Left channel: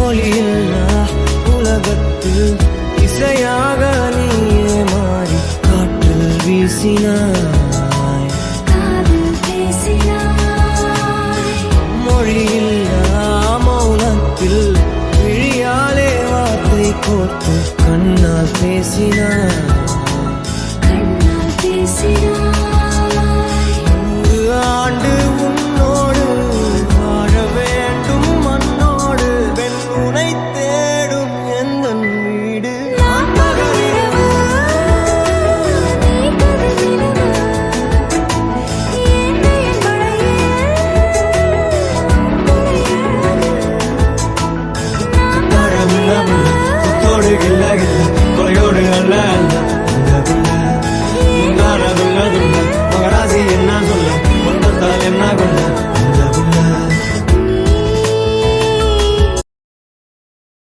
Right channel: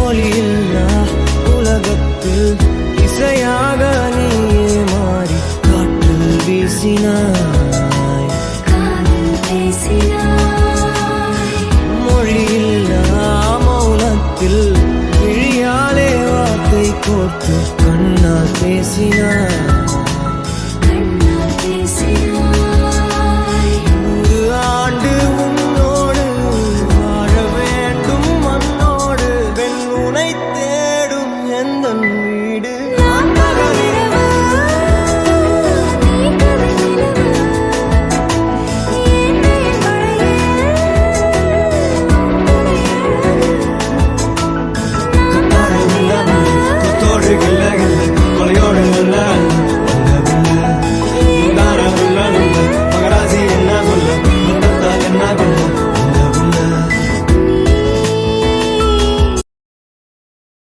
ஒளியில்லா உலகத்தில் இசையாக நீயே மாறி காற்றில் வீசினாய், காதில் பேசினாய். மொழியில்லா மௌனத்தில் விழியாலே வார்த்தை கோர்த்து கண்ணால் பேசினாய், கண்ணால் பேசினாய். 100 ஆண்டு